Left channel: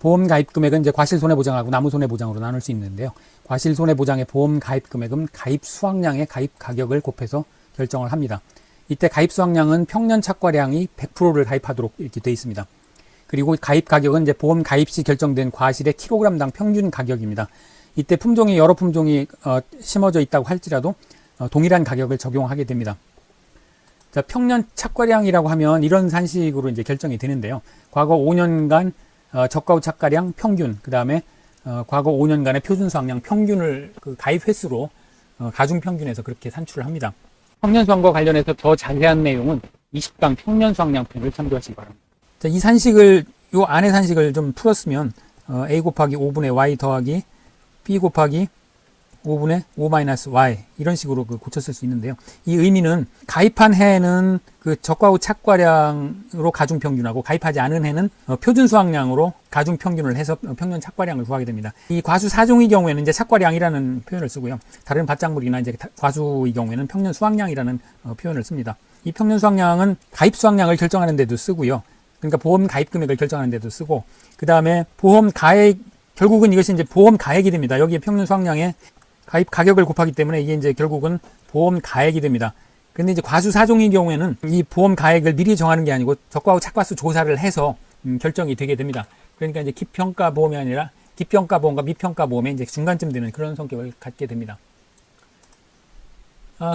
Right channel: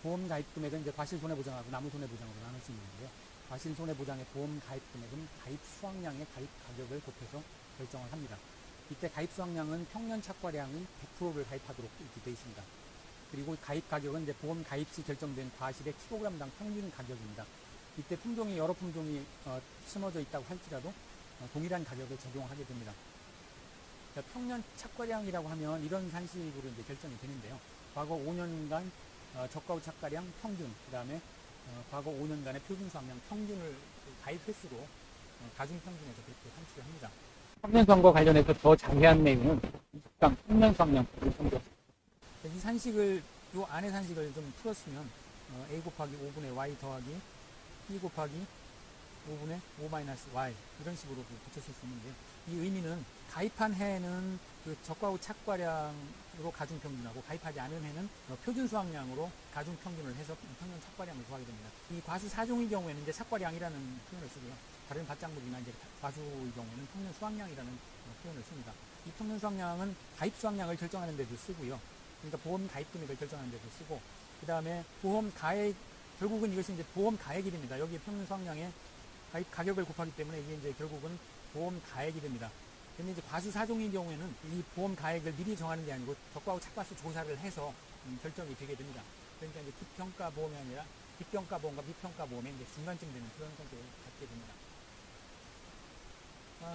보험 가입 금액은 이제 과실 손해보장하고 나무 손해보장으로 나눌 수 있는데요. 과실 손해보장의 보험 가입 금액은 가입 수확량의 가입 가격을 곱해서 결정을 합니다. 이때 가입 수확량은 평년 착과량이 100%를 가입하도록 이렇게 되어 있습니다. 그리고 가입 가격은 이제 보험 가입 시 결정된 과실의 킬로그램당 평균 가격입니다. 이때 품종이 여러 품종이 심어져 있다고 할지라도 동일한 가격을 적용하게 됩니다. 자, 평년 착과량이라고 하면 이런 산식으로 이제 결정이 되는데요. 과거 5년간 저가 후 착과량 평균, 그 다음에 과거 5년간의 표준 수확량 평균을 그 가입 횟수로 가중 평균에서 그렇게 산출을 합니다. 평년 수확과 관련해서 더 자세한 내용은 20강 평년 수확량편을 참조하시기 바랍니다. 자, 이 산식을 요 안에 산식을 좀 풀었으면 a 곱하기 5분의 y 더하기 b 곱하기 5분의 5 마이너스 y 이런 식으로 고쳤을 수 있는데요. 이 의미는 가입한 해는 그 저가 후 착과량으로 가중 평균하고 가입하지 않은 해는 표준 수확량으로 가중 평균을 해서 평년 착과량을 구하게 됩니다. 이 과수 4종의 경우에는 이제 착과량이라는 표현을 쓰고요. 다른 밭작물이나 이제 과수의 경우에는 평년 수확량이라는 표현을 씁니다. 이 평년 수확량은 가입 수확량을 결정하는 데도 쓰고요. 그러니까 보험 가입 금액을 결정하는 데도 쓰고, 그 다음에 보험 가액, 결국은 이것이 이제 보험 가액이 됩니다. 여기에 평년 수확량에 가입 가격을 곱하기 때문에 이게 이제 결국은 보험 가액이 됩니다. 근데 이제 과수 4종의 경우에는 이 보험 가액을 미리 정하는 게 아니고 적과 후 착과수 조사를 해서 결정이 되게 됩니다. 그러니까 이제 기평가 보험이 아니라 기평가 보험과 미평가 보험의 이제 중간쯤 되는 그런 성격을 갖게 됩니다.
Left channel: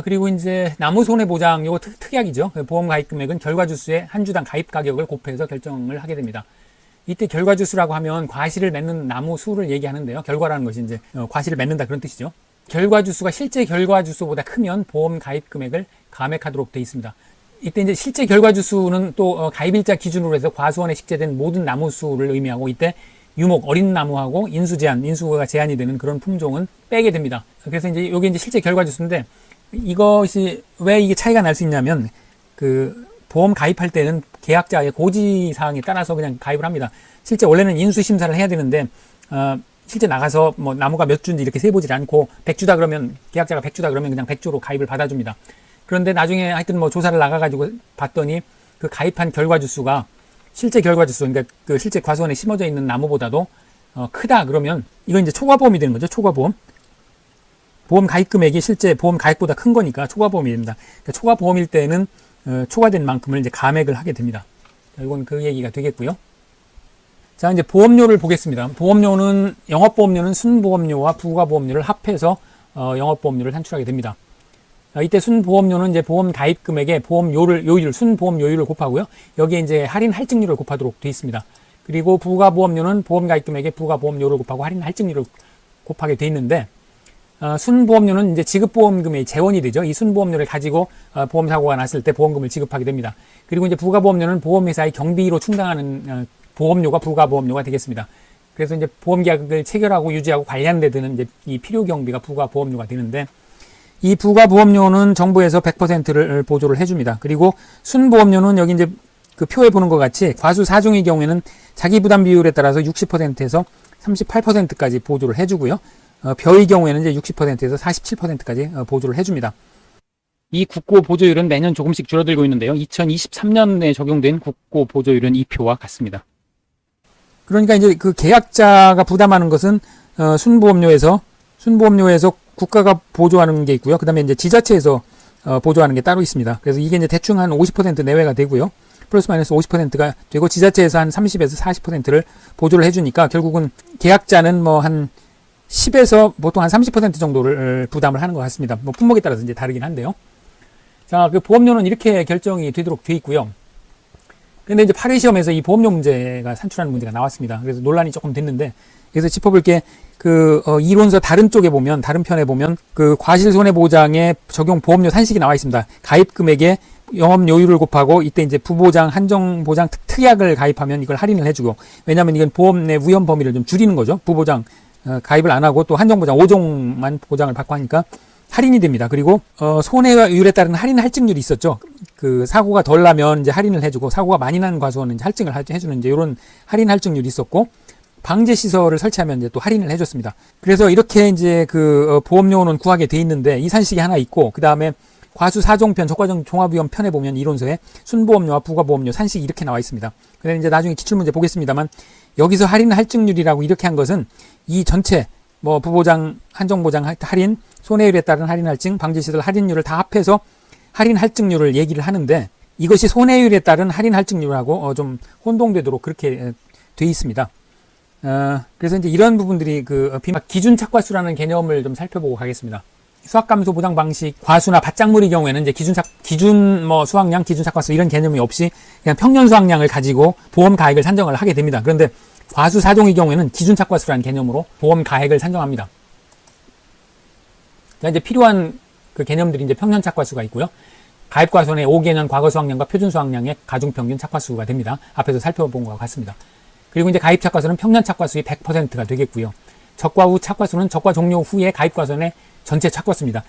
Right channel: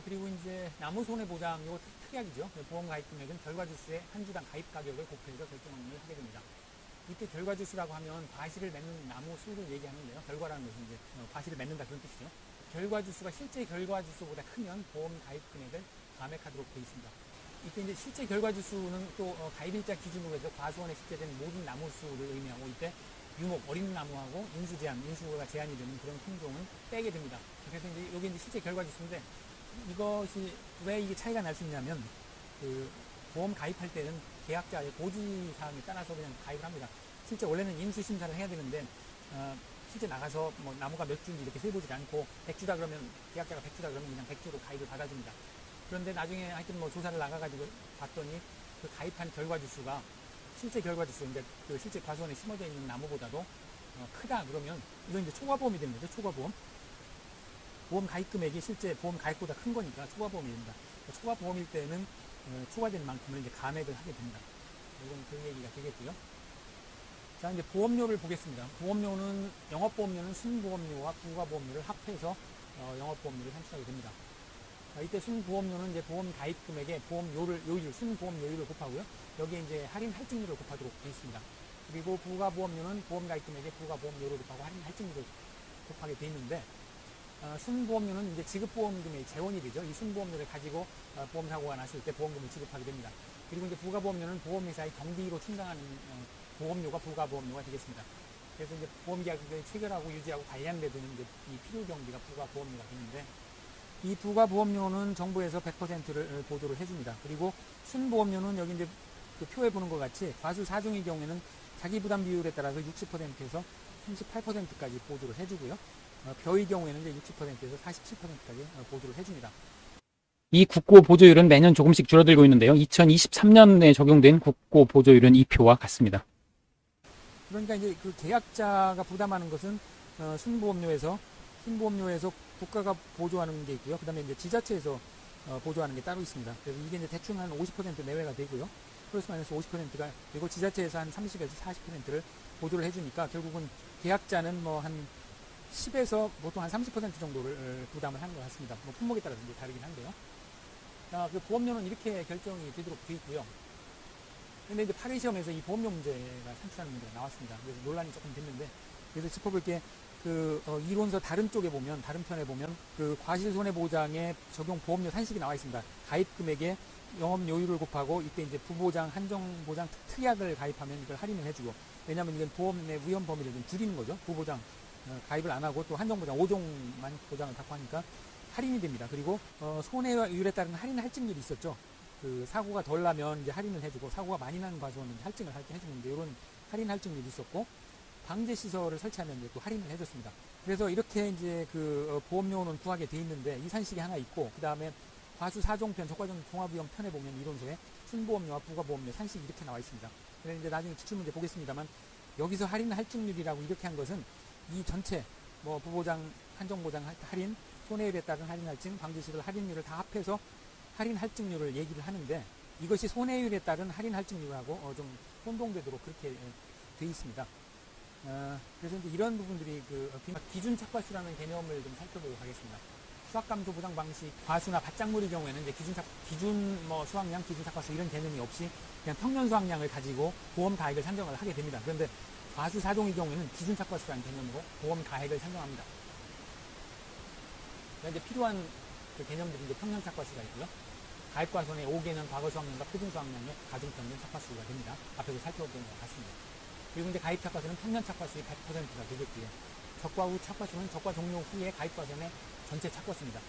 그리고 이제 나무 손해보장, 요거 특약이죠. 보험 가입 금액은 결과주수의 한 주당 가입 가격을 곱해서 결정을 하게 됩니다. 이때 결과주수라고 하면 과실을 맺는 나무 수를 얘기하는데요. 결과라는 것이 이제 과실을 맺는다 그런 뜻이죠. 결과주수가 실제 결과주수보다 크면 보험 가입 금액을 감액하도록 되어 있습니다. 이때 이제 실제 결과주수는 또 가입일자 기준으로 해서 과수원에 식재된 모든 나무 수를 의미하고, 이때 유목, 어린 나무하고 인수 제한, 인수가 제한이 되는 그런 품종은 빼게 됩니다. 그래서 이제 이게 이제 실제 결과주수인데, 이것이 왜 이게 차이가 날 수 있냐면, 그 보험 가입할 때는 계약자의 고지 사항에 따라서 그냥 가입을 합니다. 실제 원래는 인수 심사를 해야 되는데 실제 나가서 뭐 나무가 몇 주인지 이렇게 세보질 않고 100주다 그러면, 계약자가 100주다 그러면 그냥 100주로 가입을 받아줍니다. 그런데 나중에 하여튼 뭐 조사를 나가가지고 봤더니 그 가입한 결과주수가 실제 결과주수, 그러니까 그 실제 과수원에 심어져 있는 나무보다도 크다 그러면 이건 이제 초과보험이 되는 거죠. 초과보험. 보험 가입 금액이 실제 보험 가입보다 큰 거니까 초과보험이 됩니다. 그러니까 초과보험일 때는 초과된 만큼을 이제 감액을 하게 됩니다. 이건 그 얘기가 되겠고요. 자, 이제 보험료를 보겠습니다. 보험료는, 영업보험료는 순보험료와 부가보험료를 합해서 영업보험료를 산출하게 됩니다. 이때 순보험료는 이제 보험 가입 금액에 보험료율, 순보험료율을 곱하고요. 여기에 이제 할인 할증률을 곱하도록 되어 있습니다. 그리고 부가보험료는 보험 가입 금액에 부가보험료를 곱하고 할인 할증률을 곱하게 되어 있는데, 순보험료는 이제 지급보험금의 재원이 되죠. 이 순보험료를 가지고 보험사고가 났을 때 보험금을 지급하게 됩니다. 그리고 이제 부가보험료는 보험회사의 경비로 충당하는 보험료가 부가보험료가 되겠습니다. 그래서 이제 보험계약을 체결하고 유지하고 관리하는 데 드는 이제 이 필요경비가 부가보험료가 되는데, 이 부가보험료는 정부에서 100%를 보조를 해줍니다. 그리고 순보험료는 여기 이제 그 표에 보는 것 같이 과수 4종의 경우에는 자기부담 비율에 따라서 60%에서 38%까지 보조를 해주고요. 벼의 경우에는 이제 60%에서 47%까지 보조를 해줍니다. 이 국고 보조율은 매년 조금씩 줄어들고 있는데요. 2023년에 적용된 국고 보조율은 이 표와 같습니다. 그러니까 이제 그 계약자가 부담하는 것은 순보험료에서 국가가 보조하는 게 있고요. 그다음에 이제 지자체에서 보조하는 게 따로 있습니다. 그래서 이게 이제 대충 한 50% 내외가 되고요. 플러스 마이너스 50%가 되고, 지자체에서 한 30에서 40%를 보조를 해주니까 결국은 계약자는 뭐 한 10에서 보통 한 30% 정도를 부담을 하는 것 같습니다. 뭐 품목에 따라서 이제 다르긴 한데요. 자, 그 보험료는 이렇게 결정이 되도록 되어 있고요. 근데 이제 8회 시험에서 이 보험료 문제가 산출하는 문제가 나왔습니다. 그래서 논란이 조금 됐는데, 그래서 짚어볼 게 이론서 다른 쪽에 보면, 다른 편에 보면 그 과실손해보장에 적용 보험료 산식이 나와 있습니다. 가입 금액에 영업료율을 곱하고, 이때 이제 부보장, 한정보장, 특약을 가입하면 이걸 할인을 해주고, 왜냐하면 이건 보험 내 위험 범위를 좀 줄이는 거죠. 부보장 가입을 안 하고 또 한정보장 5종만 보장을 받고 하니까 할인이 됩니다. 그리고 손해율에 따른 할인 할증률이 있었죠. 그 사고가 덜 나면 이제 할인을 해주고, 사고가 많이 나는 과수원은 이제 할증을 해주는 이제 이런 할인 할증률이 있었고, 방제 시설을 설치하면 이제 또 할인을 해줬습니다. 그래서 이렇게 이제 그 보험료는 구하게 돼 있는데, 이 산식이 하나 있고, 그 다음에 과수 4종편 적과점 종합위험 편에 보면 이론서에 순보험료와 부가보험료 산식이 이렇게 나와 있습니다. 근데 이제 나중에 기출문제 보겠습니다만, 여기서 할인 할증률이라고 이렇게 한 것은 이 전체 뭐 부보장, 한정보장 할인, 손해율에 따른 할인 할증, 방지시설 할인율을 다 합해서 할인 할증률을 얘기를 하는데 이것이 손해율에 따른 할인 할증률하고 좀 혼동되도록 그렇게 돼 있습니다. 그래서 이제 이런 부분들이 기준 착과수라는 개념을 좀 살펴보고 가겠습니다. 수확감소 보장 방식, 과수나 밭작물의 경우에는 이제 기준 수확량, 기준 착과수 이런 개념이 없이 그냥 평년 수확량을 가지고 보험 가액을 산정을 하게 됩니다. 그런데 과수 4종의 경우에는 기준 착과수라는 개념으로 보험 가액을 산정합니다. 자, 이제 필요한 그 개념들이 이제 평년 착과수가 있고요. 가입과손의 5개년 과거 수확량과 표준 수확량의 가중평균 착과수가 됩니다. 앞에서 살펴본 것과 같습니다. 그리고 이제 가입 착과수는 평년 착과수의 100%가 되겠고요. 적과 후 착과수는 적과 종료 후에 가입과손의 전체 착과수입니다.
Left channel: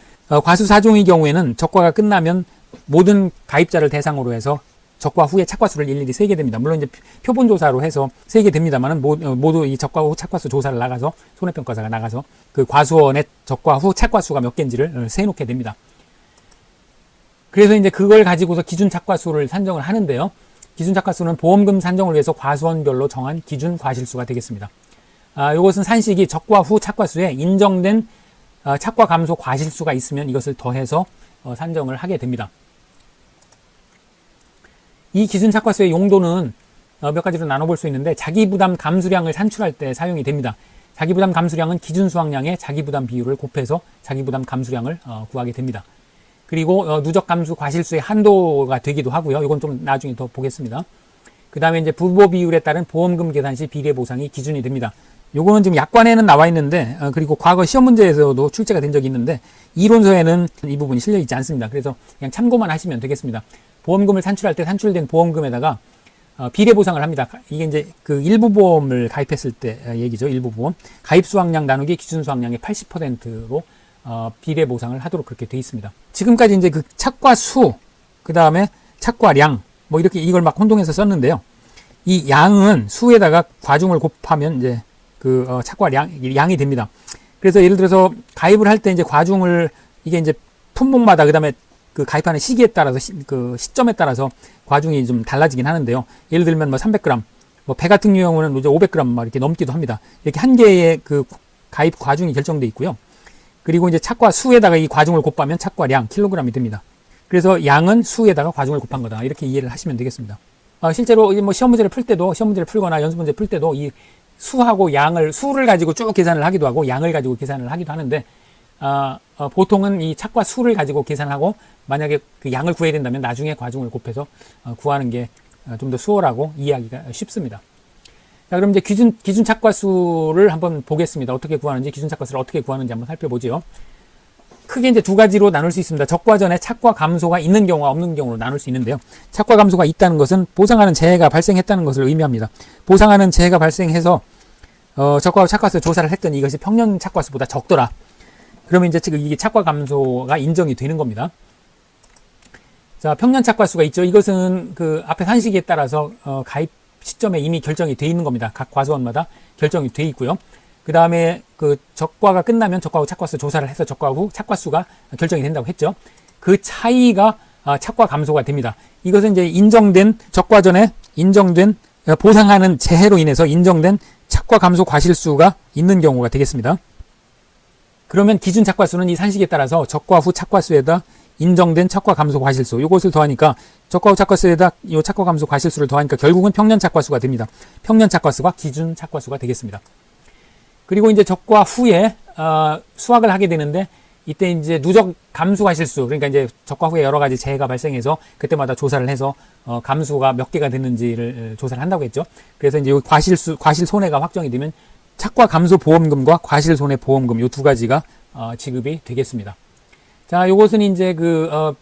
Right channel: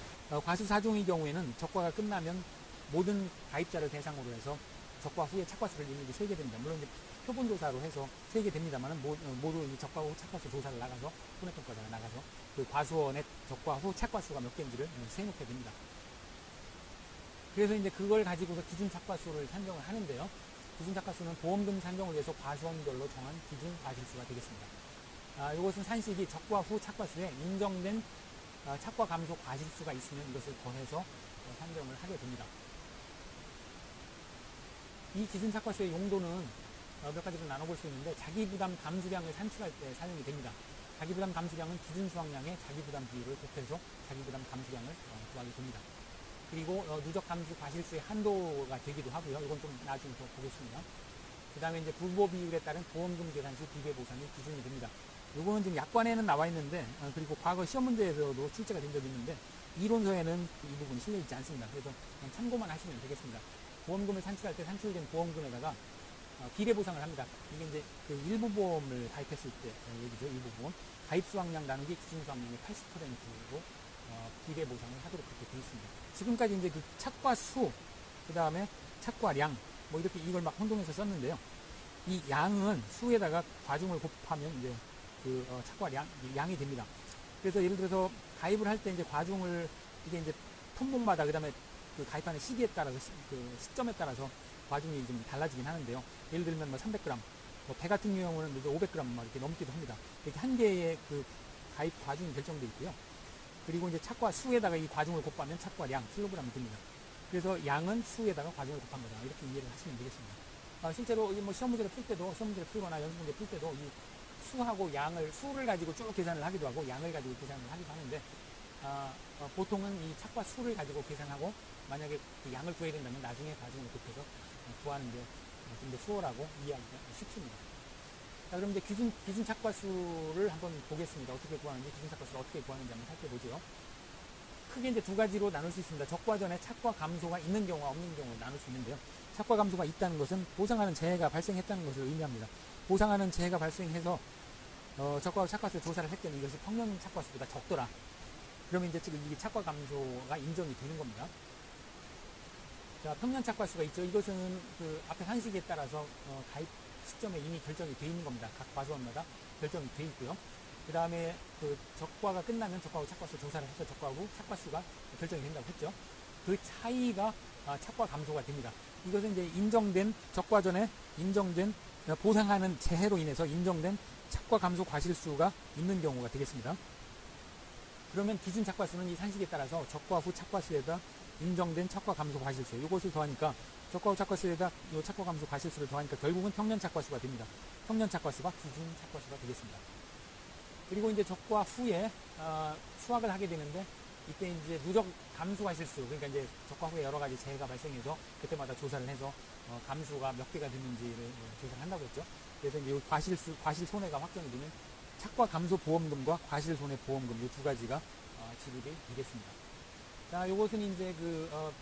과수 4종의 경우에는 적과가 끝나면 모든 가입자를 대상으로 해서 적과 후의 착과수를 일일이 세게 됩니다. 물론 이제 표본조사로 해서 세게 됩니다만은 모두 이 적과 후 착과수 조사를 나가서 손해평가사가 나가서 그 과수원의 적과 후 착과수가 몇 개인지를 세놓게 됩니다. 그래서 이제 그걸 가지고서 기준 착과수를 산정을 하는데요. 기준 착과수는 보험금 산정을 위해서 과수원별로 정한 기준 과실수가 되겠습니다. 이것은 산식이 적과 후 착과수에 인정된 착과 감소 과실수가 있으면 이것을 더해서 산정을 하게 됩니다. 이 기준 착과수의 용도는 몇 가지로 나눠볼 수 있는데 자기부담 감수량을 산출할 때 사용이 됩니다. 자기부담 감수량은 기준 수확량의 자기부담 비율을 곱해서 자기부담 감수량을 구하게 됩니다. 그리고 누적 감수 과실수의 한도가 되기도 하고요. 이건 좀 나중에 더 보겠습니다. 그 다음에 이제 부보 비율에 따른 보험금 계산 시 비례 보상이 기준이 됩니다. 요거는 지금 약관에는 나와 있는데 그리고 과거 시험 문제에서도 출제가 된 적이 있는데 이론서에는 이 부분이 실려 있지 않습니다. 그래서 그냥 참고만 하시면 되겠습니다. 보험금을 산출할 때 산출된 보험금에다가 비례 보상을 합니다. 이게 이제 그 일부 보험을 가입했을 때 얘기죠. 일부 보험 가입 수확량 나누기 기준 수확량의 80%로 비례 보상을 하도록 그렇게 돼 있습니다. 지금까지 이제 그 착과 수, 그 다음에 착과량, 뭐 이렇게 이걸 막 혼동해서 썼는데요. 이 양은 수에다가 과중을 곱하면 이제 착과량이 됩니다. 그래서 예를 들어서 가입을 할 때 이제 과중을 이게 이제 품목마다 그 다음에 그 가입하는 시기에 따라서 그 시점에 따라서 과중이 좀 달라지긴 하는데요. 예를 들면 뭐 300g, 뭐 배 같은 경우는 이제 500g 막 이렇게 넘기도 합니다. 이렇게 한 개의 그 가입 과중이 결정돼 있고요. 그리고 이제 착과 수에다가 이 과중을 곱하면 착과량 킬로그램이 됩니다. 그래서 양은 수에다가 과중을 곱한 거다. 이렇게 이해를 하시면 되겠습니다. 실제로 뭐 시험 문제를 풀 때도 시험 문제를 풀거나 연습 문제 풀 때도 이 수하고 양을 수를 가지고 쭉 계산을 하기도 하고 양을 가지고 계산을 하기도 하는데 보통은 이 착과 수를 가지고 계산하고 만약에 그 양을 구해야 된다면 나중에 과중을 곱해서 구하는 게 좀 더 수월하고 이해하기가 쉽습니다. 자, 그럼 이제 기준 착과수를 한번 보겠습니다. 어떻게 구하는지, 기준 착과수를 어떻게 구하는지 한번 살펴보죠. 크게 이제 두 가지로 나눌 수 있습니다. 적과 전에 착과 감소가 있는 경우와 없는 경우로 나눌 수 있는데요. 착과 감소가 있다는 것은 보상하는 재해가 발생했다는 것을 의미합니다. 보상하는 재해가 발생해서 적과 착과수 조사를 했더니 이것이 평년 착과수보다 적더라. 그러면 이제 지금 이게 착과 감소가 인정이 되는 겁니다. 자, 평년 착과수가 있죠. 이것은 그 앞에 산식에 따라서 가입 시점에 이미 결정이 돼 있는 겁니다. 각 과수원마다 결정이 돼 있고요. 그 다음에 그 적과가 끝나면 적과 후 착과수 조사를 해서 적과 후 착과수가 결정이 된다고 했죠. 그 차이가 착과 감소가 됩니다. 이것은 이제 인정된 적과 전에 인정된 보상하는 재해로 인해서 인정된 착과 감소 과실수가 있는 경우가 되겠습니다. 그러면 기준 착과수는 이 산식에 따라서 적과 후 착과수에다 인정된 착과 감소 과실수 이것을 더하니까 적과 후 착과수에다 이 착과 감소 과실수를 더하니까 결국은 평년 착과수가 됩니다. 평년 착과수가 기준 착과수가 되겠습니다. 그리고 이제 적과 후에 수확을 하게 되는데 이때 이제 누적 감수 과실수 그러니까 이제 적과 후에 여러 가지 재해가 발생해서 그때마다 조사를 해서 감수가 몇 개가 됐는지를 조사를 한다고 했죠. 그래서 이제 과실 손해가 확정이 되면 착과 감소 보험금과 과실 손해 보험금 이 두 가지가 지급이 되겠습니다. 자, 요것은 이제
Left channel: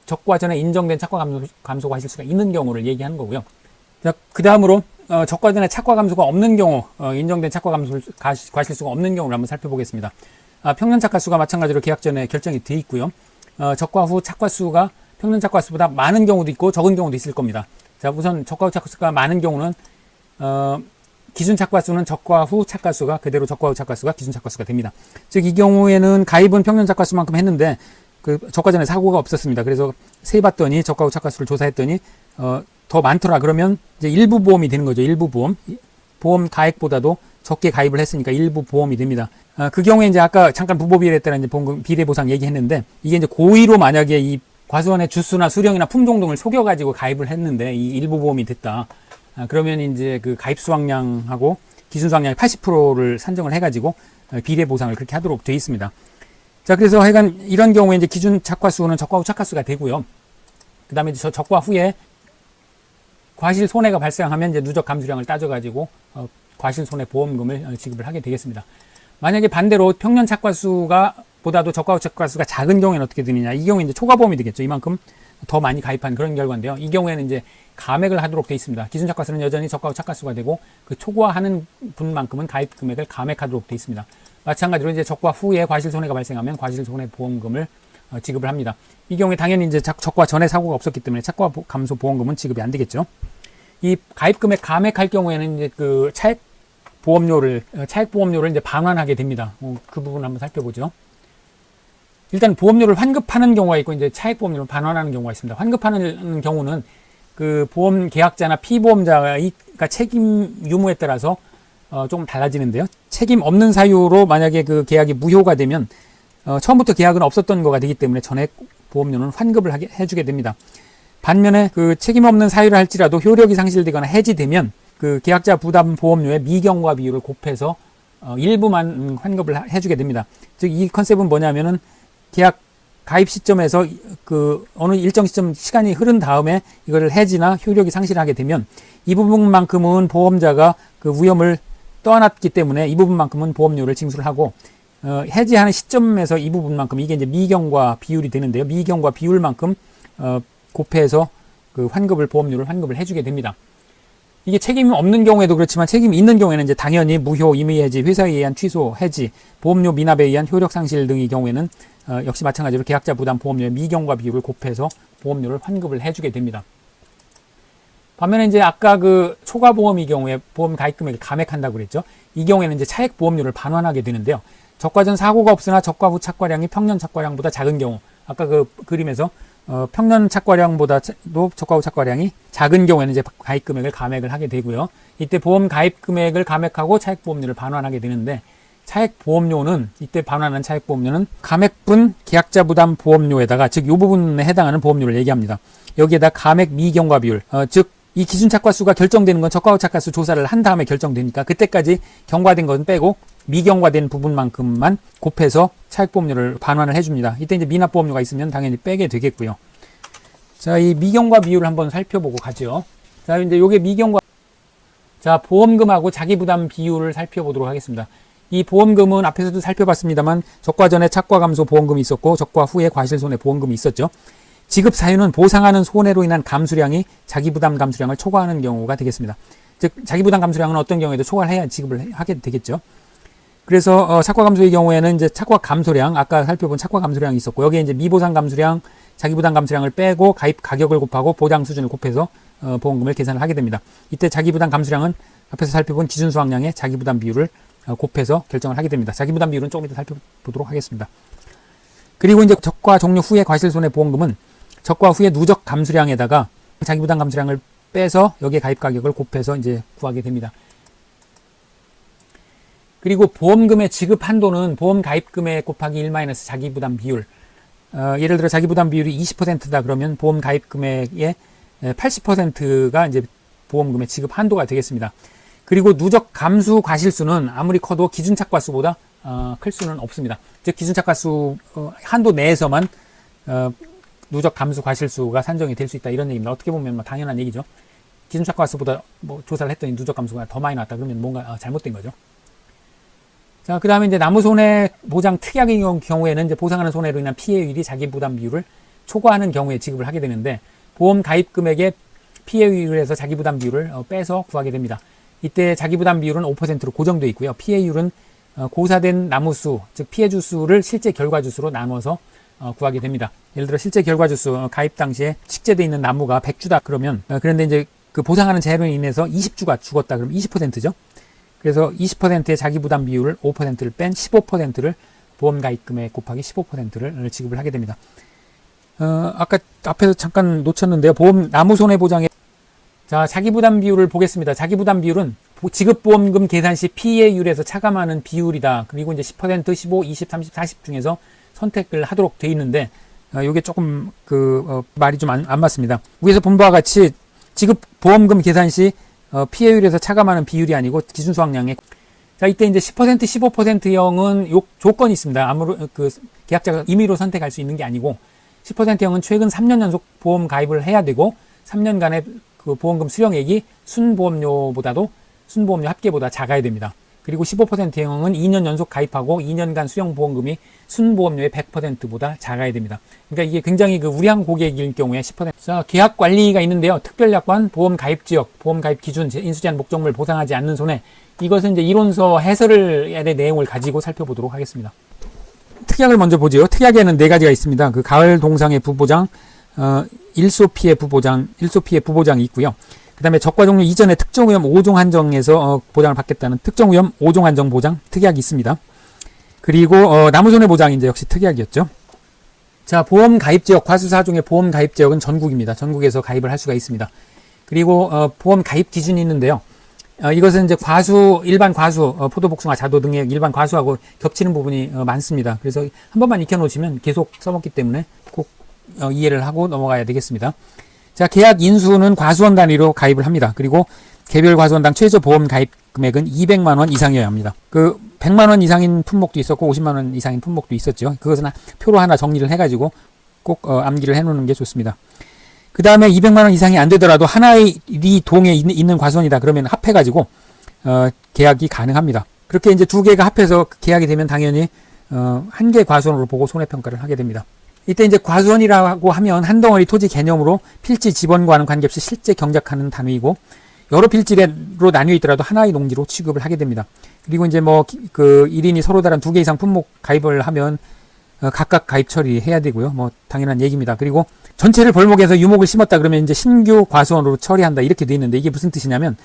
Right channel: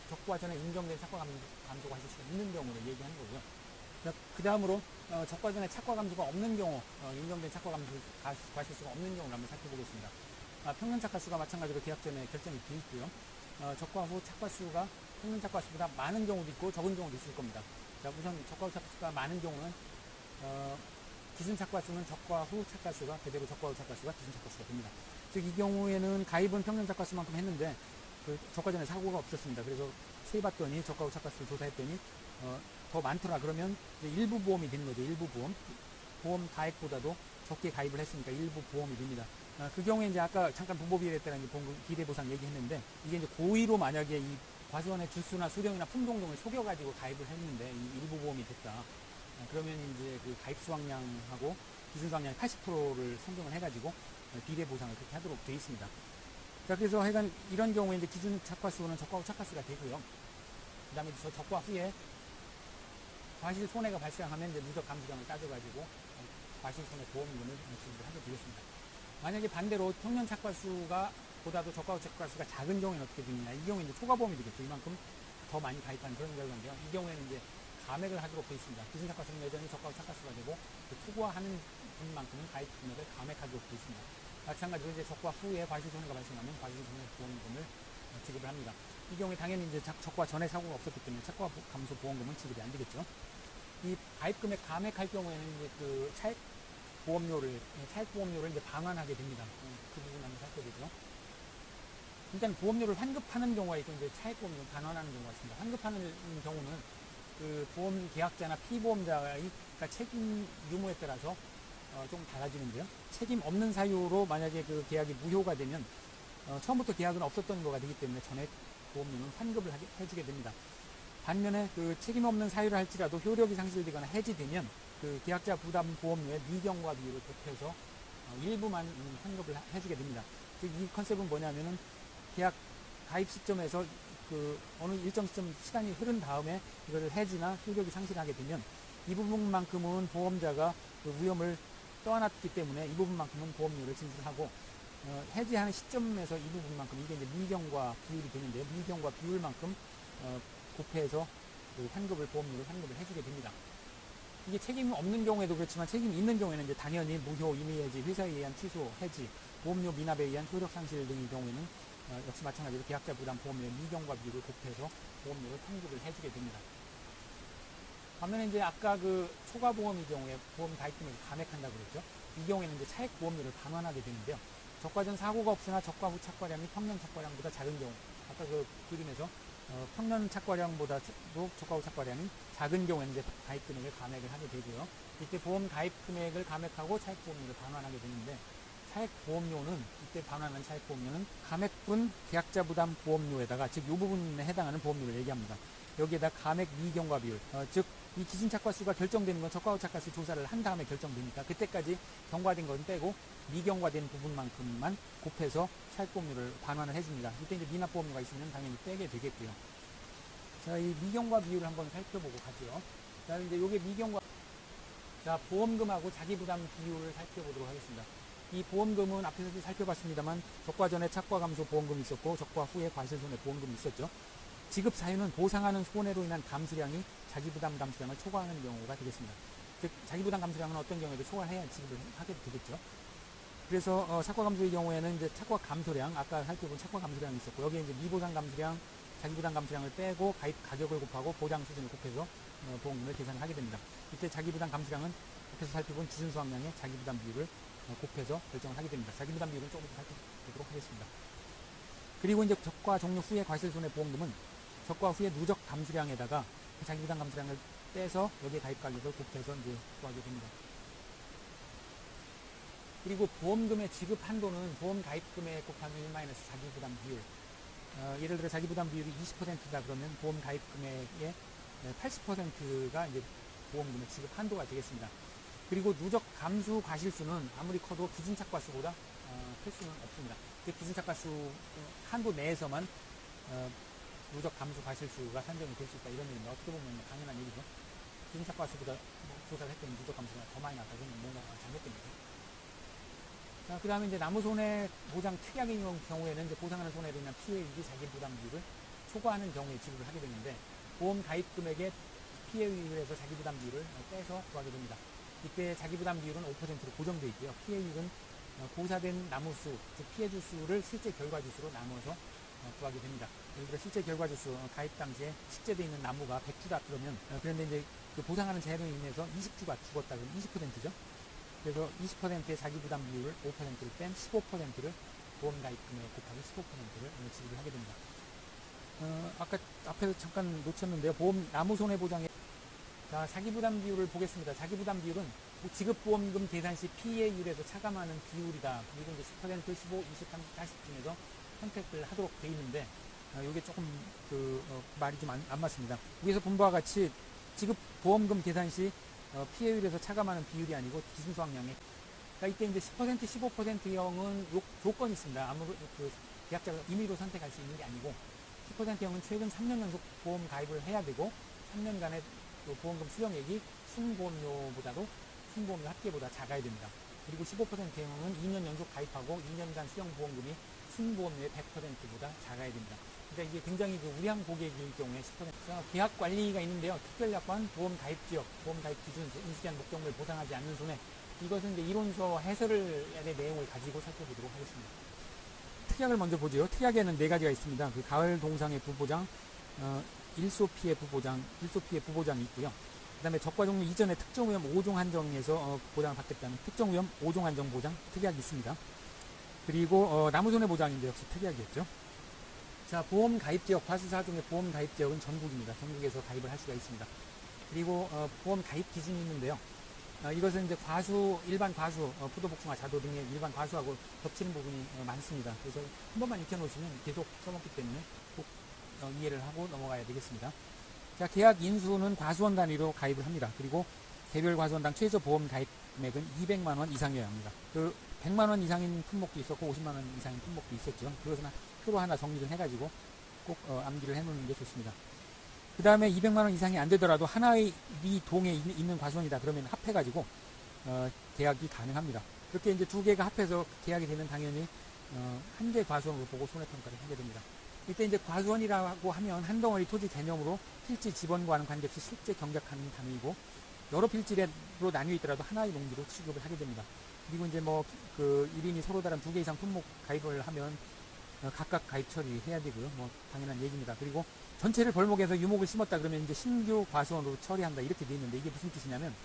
적과 전에 인정된 착과 감소 과실수가 있는 경우를 얘기하는 거고요. 자, 그 다음으로 적과 전에 착과 감소가 없는 경우, 인정된 착과 감소 과실수가 없는 경우를 한번 살펴보겠습니다. 평년 착과수가 마찬가지로 계약 전에 결정이 돼 있고요. 적과 후 착과수가 평년 착과수보다 많은 경우도 있고 적은 경우도 있을 겁니다. 자, 우선 적과 후 착과수가 많은 경우는 기준 착과수는 적과 후 착과수가 그대로 적과 후 착과수가 기준 착과수가 됩니다. 즉 이 경우에는 가입은 평년 착과수만큼 했는데 그 적과 전에 사고가 없었습니다. 그래서 세봤더니 적과 후 착과수를 조사했더니 더 많더라. 그러면 이제 일부 보험이 되는 거죠. 일부 보험. 보험 가액보다도 적게 가입을 했으니까 일부 보험이 됩니다. 그 경우에 이제 아까 잠깐 부보비례에 따라 이제 보험 비례보상 얘기했는데, 이게 이제 고의로 만약에 이 과수원의 주수나 수령이나 품종 등을 속여가지고 가입을 했는데 이 일부 보험이 됐다. 그러면 이제 그 가입 수확량하고 기준 수확량의 80%를 산정을 해가지고 비례 보상을 그렇게 하도록 되어 있습니다. 자, 그래서 하여간 이런 경우에 이제 기준 착과수는 적과 후 착과수가 되고요. 그 다음에 저 적과 후에 과실 손해가 발생하면 이제 누적 감수량을 따져가지고 과실 손해 보험금을 지급을 하게 되겠습니다. 만약에 반대로 평년 착과수가 보다도 적과 후 착과수가 작은 경우에는 어떻게 되느냐? 이 경우에 이제 초과보험이 되겠죠. 이만큼 더 많이 가입한 그런 결과인데요. 이 경우에는 이제 감액을 하도록 되어 있습니다. 기준 착과수는 여전히 적과 후 착과수가 되고 그 초과하는 분만큼은 가입 금액을 감액하도록 되어 있습니다. 마찬가지로 이제 적과 후에 과실 손해가 발생하면 과실 손해 보험금을 지급을 합니다. 이 경우에 당연히 이제 적과 전에 사고가 없었기 때문에 착과 감소 보험금은 지급이 안 되겠죠. 이 가입 금액 감액할 경우에는 이제 그 차액 보험료를 이제 반환하게 됩니다. 그 부분 한번 살펴보죠. 일단 보험료를 환급하는 경우가 있고 이제 차액 보험료를 반환하는 경우가 있습니다. 환급하는 경우는 그 보험 계약자나 피보험자의 책임 유무에 따라서 조금 달라지는데요. 책임 없는 사유로 만약에 그 계약이 무효가 되면 처음부터 계약은 없었던 거가 되기 때문에 전액 보험료는 환급을 해주게 됩니다. 반면에 그 책임 없는 사유를 할지라도 효력이 상실되거나 해지되면 그 계약자 부담 보험료의 미경과 비율을 곱해서 일부만 환급을 해주게 됩니다. 즉 이 컨셉은 뭐냐면은 계약 가입 시점에서 그 어느 일정 시점 시간이 흐른 다음에 이거를 해지나 효력이 상실하게 되면 이 부분만큼은 보험자가 그 위험을 떠안았기 때문에 이 부분만큼은 보험료를 징수를 하고 해지하는 시점에서 이 부분만큼 이게 이제 미경과 비율이 되는데요. 미경과 비율만큼 곱해서 그 보험료를 환급을 해주게 됩니다. 이게 책임이 없는 경우에도 그렇지만 책임이 있는 경우에는 이제 당연히 무효, 임의해지, 회사에 의한 취소, 해지, 보험료 미납에 의한 효력 상실 등의 경우에는 역시 마찬가지로 계약자 부담 보험료의 미경과 비율을 곱해서 보험료를 환급을 해주게 됩니다. 반면에 이제 아까 그 초과 보험의 경우에 보험 가입 금액을 감액한다고 그랬죠. 이 경우에는 이제 차액 보험료를 반환하게 되는데요. 적과 전 사고가 없으나 적과 후 착과량이 평년 착과량보다 작은 경우, 아까 그 그림에서 평년 착과량보다도 적과 후 착과량이 작은 경우에는 이제 가입 금액을 감액을 하게 되고요. 이때 보험 가입 금액을 감액하고 차액 보험료를 반환하게 되는데, 차액 보험료는 이때 반환한 차액 보험료는 감액분 계약자 부담 보험료에다가 즉 이 부분에 해당하는 보험료를 얘기합니다. 여기에다 감액 미경과 비율, 즉 이 기준 착과수가 결정되는 건 적과 후 착과수 조사를 한 다음에 결정되니까 그때까지 경과된 건 빼고 미경과된 부분만큼만 곱해서 차액 보험료를 반환을 해줍니다. 이때 이제 미납 보험료가 있으면 당연히 빼게 되겠고요. 자, 이 미경과 비율을 한번 살펴보고 가죠. 자, 이제 요게 미경과 보험금하고 자기 부담 비율을 살펴보도록 하겠습니다. 이 보험금은 앞에서도 살펴봤습니다만 적과 전에 착과 감소 보험금이 있었고 적과 후에 과실 손해 보험금이 있었죠. 지급 사유는 보상하는 손해로 인한 감수량이 자기 부담 감수량을 초과하는 경우가 되겠습니다. 즉 자기 부담 감수량은 어떤 경우에도 초과를 해야 지급을 하게 되겠죠. 그래서 착과 감소의 경우에는 이제 착과 감소량, 아까 살펴본 착과 감소량이 있었고 여기에 이제 미보상 감수량, 자기 부담 감수량을 빼고 가입 가격을 곱하고 보장 수준을 곱해서 보험금을 계산을 하게 됩니다. 이때 자기 부담 감수량은 앞에서 살펴본 기준 수확량의 자기 부담 비율을 곱해서 결정을 하게 됩니다. 자기 부담 비율은 조금 이따 살펴보도록 하겠습니다. 그리고 이제 적과 종료 후의 과실 손해 보험금은 적과 후의 누적 감수량에다가 자기 부담 감수량을 빼서 여기에 가입 가격을 곱해서 이제 구하게 됩니다. 그리고 보험금의 지급 한도는 보험 가입 금액 곱하기 1 자기 부담 비율. 예를 들어 자기 부담 비율이 20%다 그러면 보험 가입 금액의 80%가 이제 보험금의 지급 한도가 되겠습니다. 그리고 누적 감수 과실수는 아무리 커도 기준 착과수보다 클 수는 없습니다. 즉 기준 착과수 한도 내에서만 누적 감수 과실수가 산정이 될 수 있다 이런 얘기입니다. 어떻게 보면 뭐 당연한 얘기죠. 기준 착과수보다 뭐 조사를 했더니 누적 감수가 더 많이 나왔다 그러면 뭔가 잘못된 거죠. 자, 그 다음에 이제 나무 손해 보장 특약의 경우에는 이제 보상하는 손해로 인한 피해율이 자기 부담 비율을 초과하는 경우에 지급을 하게 되는데 보험 가입 금액의 피해율에서 자기 부담 비율을 빼서 구하게 됩니다. 이때 자기 부담 비율은 5%로 고정되어 있고요. 피해율은 고사된 나무수, 즉 피해주 수를 실제 결과주 수로 나눠서 구하게 됩니다. 예를 들어 실제 결과주 수 가입 당시에 식재되어 있는 나무가 100주다 그러면 그런데 이제 그 보상하는 재료로 인해서 20주가 죽었다 그러면 20%죠. 그래서 20%의 자기 부담 비율을 5%를 뺀 15%를 보험 가입 금액 곱하기 15%를 지급을 하게 됩니다. 아까 앞에서 잠깐 놓쳤는데요. 보험 나무 손해 보장에 자, 자기 부담 비율을 보겠습니다. 자기 부담 비율은 지급보험금 계산 시 피해율에서 차감하는 비율이다. 그리고 이제 10%, 15, 20, 30, 40 중에서 선택을 하도록 돼 있는데, 요게 조금 말이 좀 안 맞습니다. 위에서 본 바와 같이 지급보험금 계산 시 피해율에서 차감하는 비율이 아니고 기준 수확량에, 자, 이때 이제 10%, 15%형은 조건이 있습니다. 아무런 계약자가 임의로 선택할 수 있는 게 아니고, 10%형은 최근 3년 연속 보험 가입을 해야 되고, 3년간의 그 보험금 수령액이 순보험료 합계보다 작아야 됩니다. 그리고 15%형은 2년 연속 가입하고 2년간 수령 보험금이 순보험료의 100%보다 작아야 됩니다. 그러니까 이게 굉장히 우량한 고객일 경우에 10%. 자, 계약 관리가 있는데요. 특별약관, 보험 가입 지역, 보험 가입 기준, 인수제한 목적물 보상하지 않는 손해. 이것은 이제 이론서 해설의 내용을 가지고 살펴보도록 하겠습니다. 특약을 먼저 보죠. 특약에는 4가지가 있습니다. 가을 동상의 부보장, 일소 피해 부보장이 있고요. 그 다음에 적과 종류 이전에 특정 위험 5종 한정에서 보장을 받겠다는 특정 위험 5종 한정 보장 특약이 있습니다. 그리고 나무손해 보장이 이제 역시 특약이었죠. 자, 보험 가입 지역, 과수 4종의 보험 가입 지역은 전국입니다. 전국에서 가입을 할 수가 있습니다. 그리고 보험 가입 기준이 있는데요. 이것은 이제 일반 과수, 포도복숭아, 자도 등의 일반 과수하고 겹치는 부분이 많습니다. 그래서 한 번만 익혀놓으시면 계속 써먹기 때문에 꼭 이해를 하고 넘어가야 되겠습니다. 자, 계약 인수는 과수원 단위로 가입을 합니다. 그리고 개별 과수원당 최저 보험 가입 금액은 200만 원 이상이어야 합니다. 100만 원 이상인 품목도 있었고 50만 원 이상인 품목도 있었죠. 그것은 표로 하나 정리를 해가지고 꼭 암기를 해놓는 게 좋습니다. 그 다음에 200만 원 이상이 안 되더라도 하나의 동에 있는 과수원이다 그러면 합해가지고 계약이 가능합니다. 그렇게 이제 2개가 합해서 계약이 되면 당연히 한 개 과수원으로 보고 손해평가를 하게 됩니다. 이때 이제 과수원이라고 하면 한 덩어리 토지 개념으로 필지 지번과는 관계없이 실제 경작하는 단위이고 여러 필지로 나뉘어 있더라도 하나의 농지로 취급을 하게 됩니다. 그리고 이제 1인이 서로 다른 2개 이상 품목 가입을 하면 각각 가입 처리해야 되고요. 당연한 얘기입니다. 그리고 전체를 벌목해서 유목을 심었다 그러면 이제 신규 과수원으로 처리한다 이렇게 돼 있는데 이게 무슨 뜻이냐면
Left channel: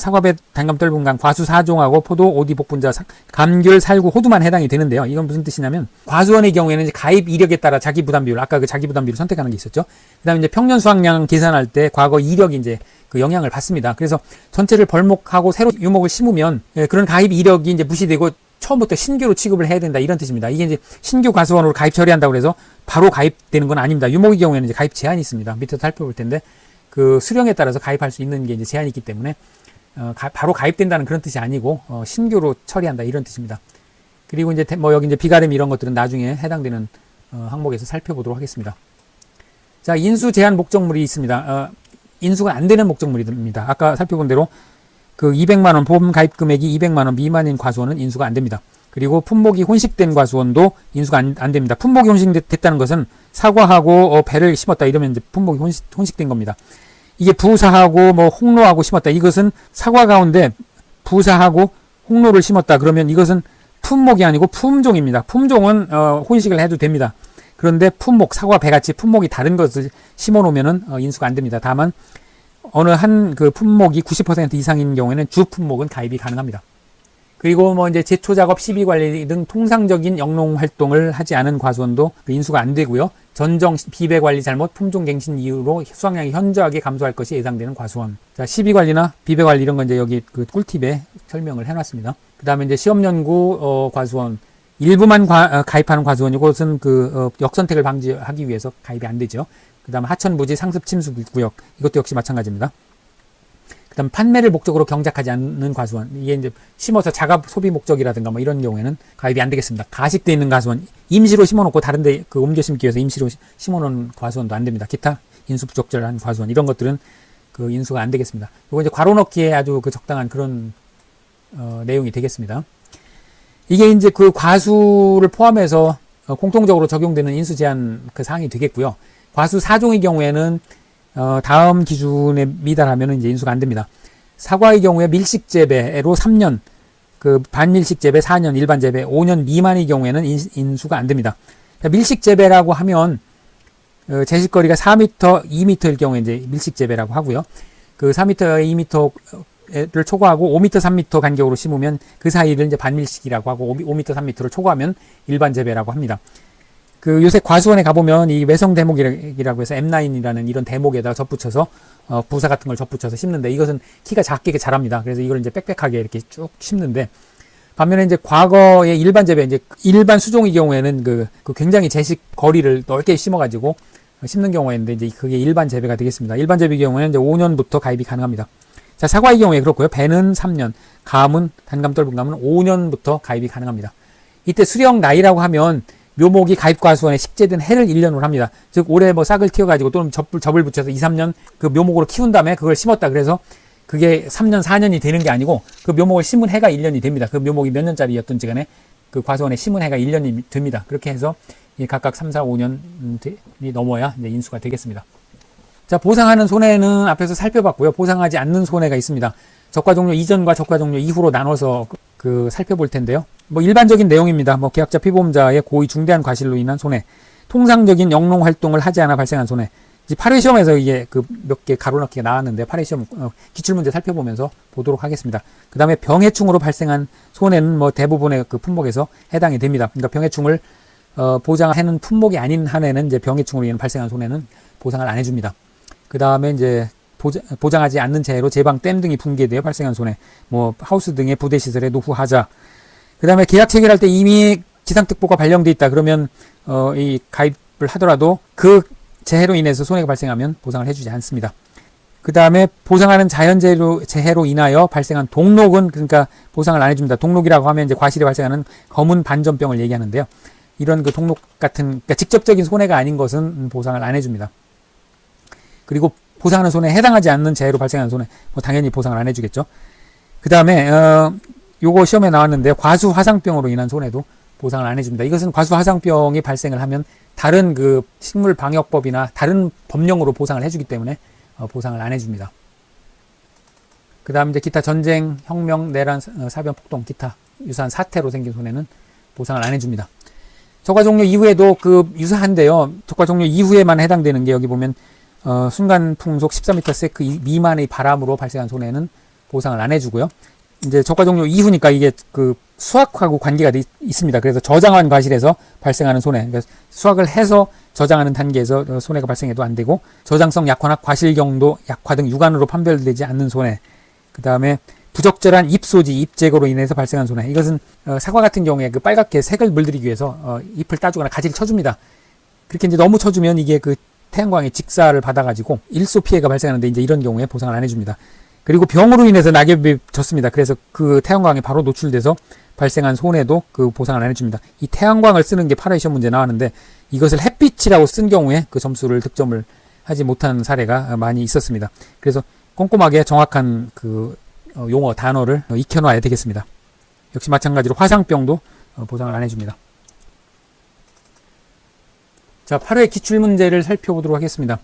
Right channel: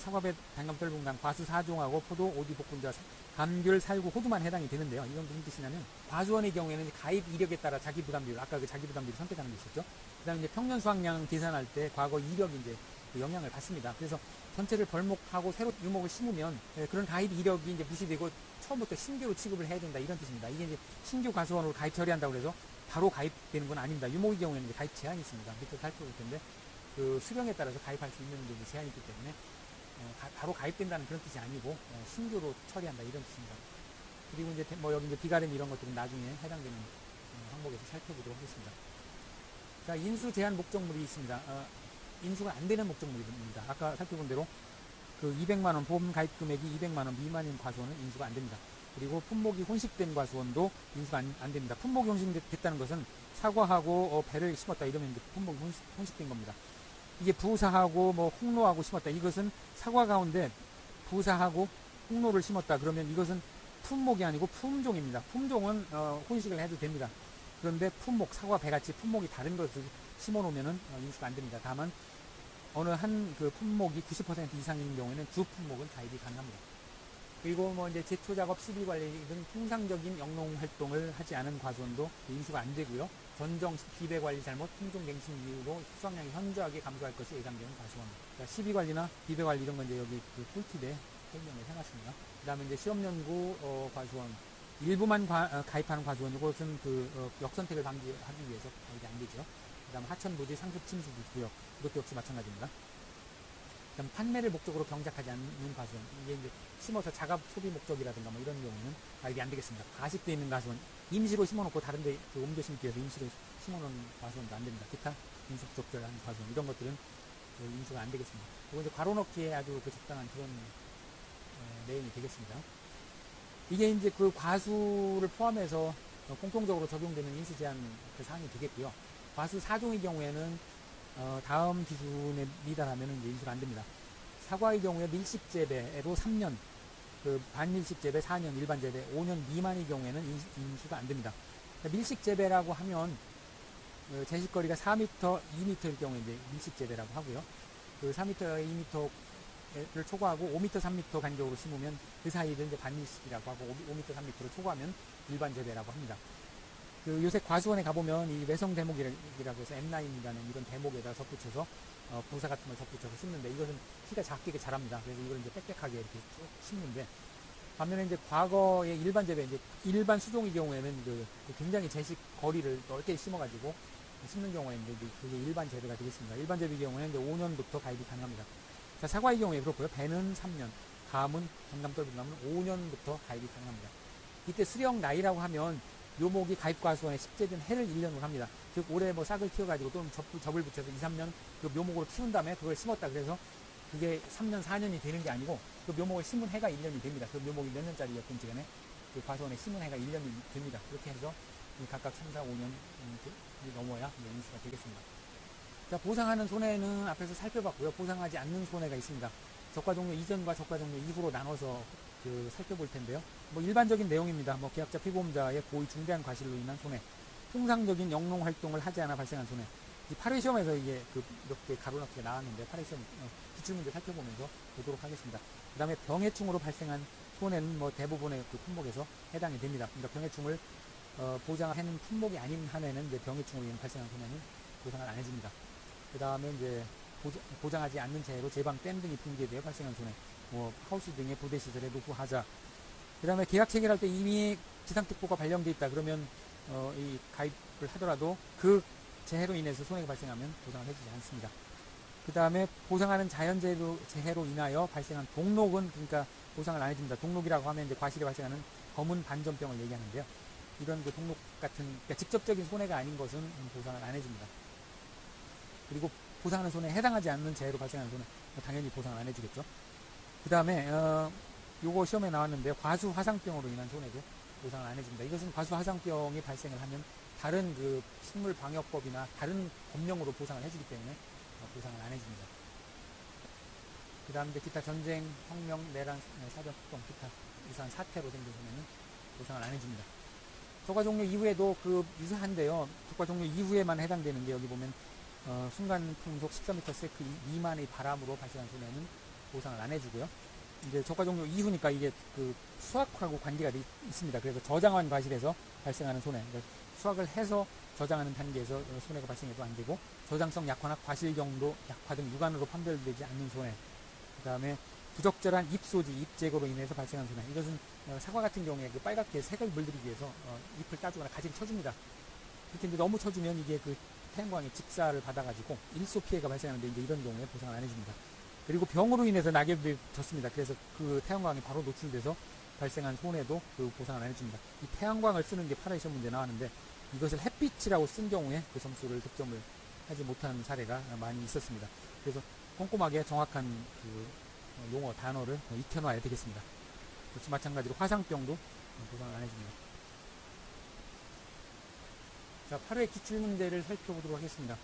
사과배, 단감, 떫은감, 과수 4종하고 포도, 오디, 복분자, 감귤, 살구, 호두만 해당이 되는데요. 이건 무슨 뜻이냐면 과수원의 경우에는 이제 가입 이력에 따라 자기 부담 비율, 아까 자기 부담 비율을 선택하는 게 있었죠. 그다음에 이제 평년 수확량 계산할 때 과거 이력이 이제 영향을 받습니다. 그래서 전체를 벌목하고 새로 유목을 심으면 그런 가입 이력이 이제 무시되고 처음부터 신규로 취급을 해야 된다 이런 뜻입니다. 이게 이제 신규 과수원으로 가입 처리한다고 해서 바로 가입되는 건 아닙니다. 유목의 경우에는 이제 가입 제한이 있습니다. 밑에서 살펴볼 텐데 수령에 따라서 가입할 수 있는 게 이제 제한이 있기 때문에 바로 가입된다는 그런 뜻이 아니고 신규로 처리한다 이런 뜻입니다. 그리고 이제 여기 이제 비가림 이런 것들은 나중에 해당되는 항목에서 살펴보도록 하겠습니다. 자, 인수 제한 목적물이 있습니다. 인수가 안 되는 목적물입니다. 아까 살펴본 대로 200만 원 보험 가입 금액이 200만 원 미만인 과수원은 인수가 안 됩니다. 그리고 품목이 혼식된 과수원도 인수가 안 됩니다. 품목이 혼식됐다는 것은 사과하고 배를 심었다 이러면 이제 품목이 혼식된 겁니다. 이게 부사하고 홍로하고 심었다. 이것은 사과 가운데 부사하고 홍로를 심었다. 그러면 이것은 품목이 아니고 품종입니다. 품종은 혼식을 해도 됩니다. 그런데 품목, 사과, 배같이 품목이 다른 것을 심어 놓으면은 인수가 안 됩니다. 다만 어느 한 품목이 90% 이상인 경우에는 주 품목은 가입이 가능합니다. 그리고 이제 제초 작업, 시비 관리 등 통상적인 영농 활동을 하지 않은 과수원도 인수가 안 되고요. 전정, 비배 관리 잘못, 품종 갱신 이유로 수확량이 현저하게 감소할 것이 예상되는 과수원. 자, 시비 관리나 비배 관리 이런 건 이제 여기 꿀팁에 설명을 해놨습니다. 그 다음에 이제 시험 연구 과수원, 일부만 가입하는 과수원, 이것은 역선택을 방지하기 위해서 가입이 안 되죠. 그 다음 하천 부지 상습 침수 구역, 이것도 역시 마찬가지입니다. 그 다음 판매를 목적으로 경작하지 않는 과수원, 이게 이제 심어서 자가 소비 목적이라든가 이런 경우에는 가입이 안 되겠습니다. 가식되어 있는 과수원, 임시로 심어놓고 다른데 옮겨 심기 위해서 임시로 심어놓은 과수원도 안 됩니다. 기타 인수 부적절한 과수원, 이런 것들은 인수가 안 되겠습니다. 이거 이제 괄호 넣기에 아주 적당한 그런 내용이 되겠습니다. 이게 이제 과수를 포함해서 공통적으로 적용되는 인수 제한 사항이 되겠고요. 과수 4종의 경우에는 다음 기준에 미달하면 이제 인수가 안 됩니다. 사과의 경우에 밀식 재배로 3년, 반밀식 재배 4년, 일반 재배 5년 미만의 경우에는 인수가 안 됩니다. 밀식 재배라고 하면 제식거리가 4m, 2m일 경우에 이제 밀식 재배라고 하고요. 4m, 2m를 초과하고 5m, 3m 간격으로 심으면 그 사이를 이제 반밀식이라고 하고 5m, 3m를 초과하면 일반 재배라고 합니다. 그 요새 과수원에 가보면 이 외성 대목이라고 해서 M9이라는 이런 대목에다 접붙여서 부사 같은 걸 접붙여서 심는데 이것은 키가 작게 자랍니다. 그래서 이걸 이제 빽빽하게 이렇게 쭉 심는데 반면에 이제 과거의 일반 재배, 이제 일반 수종의 경우에는 그 굉장히 제식 거리를 넓게 심어가지고 심는 경우가 있는데 이제 그게 일반 재배가 되겠습니다. 일반 재배의 경우에는 이제 5년부터 가입이 가능합니다. 자, 사과의 경우에 그렇고요. 배는 3년, 감은 단감 떫은 감은 5년부터 가입이 가능합니다. 이때 수령 나이라고 하면 묘목이 가입과수원에 식재된 해를 1년으로 합니다. 즉 올해 뭐 싹을 틔워가지고 또는 접을 붙여서 2, 3년 그 묘목으로 키운 다음에 그걸 심었다. 그래서 그게 3년, 4년이 되는 게 아니고 그 묘목을 심은 해가 1년이 됩니다. 그 묘목이 몇 년짜리였던지 간에 그 과수원에 심은 해가 1년이 됩니다. 그렇게 해서 각각 3, 4, 5년이 넘어야 이제 인수가 되겠습니다. 자, 보상하는 손해는 앞에서 살펴봤고요. 보상하지 않는 손해가 있습니다. 적과 종료 이전과 적과 종료 이후로 나눠서 살펴볼 텐데요. 뭐 일반적인 내용입니다. 뭐 계약자 피보험자의 고의 중대한 과실로 인한 손해, 통상적인 영농 활동을 하지 않아 발생한 손해. 이제 8회 시험에서 이게 몇 개 가로넣기가 나왔는데 8회 시험 기출문제 살펴보면서 보도록 하겠습니다. 그 다음에 병해충으로 발생한 손해는 뭐 대부분의 그 품목에서 해당이 됩니다. 그러니까 병해충을 보장하는 품목이 아닌 한에는 이제 병해충으로 인해 발생한 손해는 보상을 안 해줍니다. 그 다음에 이제 보장하지 않는 재해로 제방, 댐 등이 붕괴되어 발생한 손해, 뭐 하우스 등의 부대 시설의 노후하자. 그 다음에 계약 체결할 때 이미 지상특보가 발령돼 있다. 그러면 이 가입을 하더라도 그 재해로 인해서 손해가 발생하면 보상을 해주지 않습니다. 그 다음에 보상하는 재해로 인하여 발생한 동록은 그러니까 보상을 안 해줍니다. 동록이라고 하면 이제 과실이 발생하는 검은 반전병을 얘기하는데요. 이런 그 동록 같은 그러니까 직접적인 손해가 아닌 것은 보상을 안 해줍니다. 그리고 보상하는 손해에 해당하지 않는 재해로 발생하는 손해, 뭐 당연히 보상을 안 해주겠죠. 그 다음에 요거 시험에 나왔는데 과수 화상병으로 인한 손해도 보상을 안 해줍니다. 이것은 과수 화상병이 발생을 하면 다른 그 식물방역법이나 다른 법령으로 보상을 해주기 때문에 보상을 안 해줍니다. 그 다음 이제 기타 전쟁, 혁명, 내란, 사변, 폭동, 기타 유사한 사태로 생긴 손해는 보상을 안 해줍니다. 적과 종료 이후에도 유사한데요. 적과 종료 이후에만 해당되는 게 여기 보면 순간 풍속 14m/s 미만의 바람으로 발생한 손해는 보상을 안 해주고요. 이제 적과 종료 이후니까 이게 수확하고 관계가 있습니다. 그래서 저장한 과실에서 발생하는 손해, 그러니까 수확을 해서 저장하는 단계에서 손해가 발생해도 안 되고, 저장성 약화나 과실 경도 약화 등 육안으로 판별되지 않는 손해, 그 다음에 부적절한 잎소지, 잎제거로 인해서 발생한 손해. 이것은 사과 같은 경우에 빨갛게 색을 물들이기 위해서 잎을 따주거나 가지를 쳐줍니다. 그렇게 이제 너무 쳐주면 이게 태양광의 직사를 받아가지고 일소 피해가 발생하는데 이제 이런 경우에 보상을 안 해줍니다. 그리고 병으로 인해서 낙엽이 졌습니다. 그래서 그 태양광에 바로 노출돼서 발생한 손해도 보상을 안 해줍니다. 이 태양광을 쓰는 게 8회 시험 문제 나왔는데 이것을 햇빛이라고 쓴 경우에 그 점수를 득점을 하지 못한 사례가 많이 있었습니다. 그래서 꼼꼼하게 정확한 용어, 단어를 익혀놔야 되겠습니다. 역시 마찬가지로 화상병도 보상을 안 해줍니다. 자, 8회 기출문제를 살펴보도록 하겠습니다.